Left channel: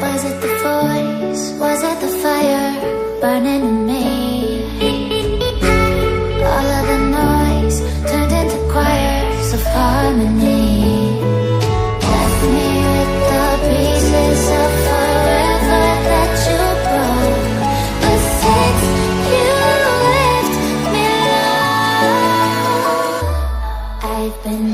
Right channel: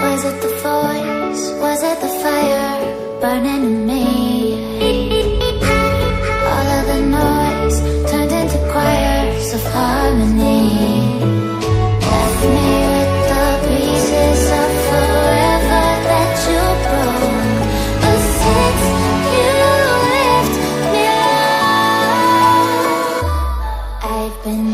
Was it the voice? Was it the fire burning in me? All of the noise turned into choirs of harmony. Left me with the pieces of forever that you broke. But since you left me alone, I've been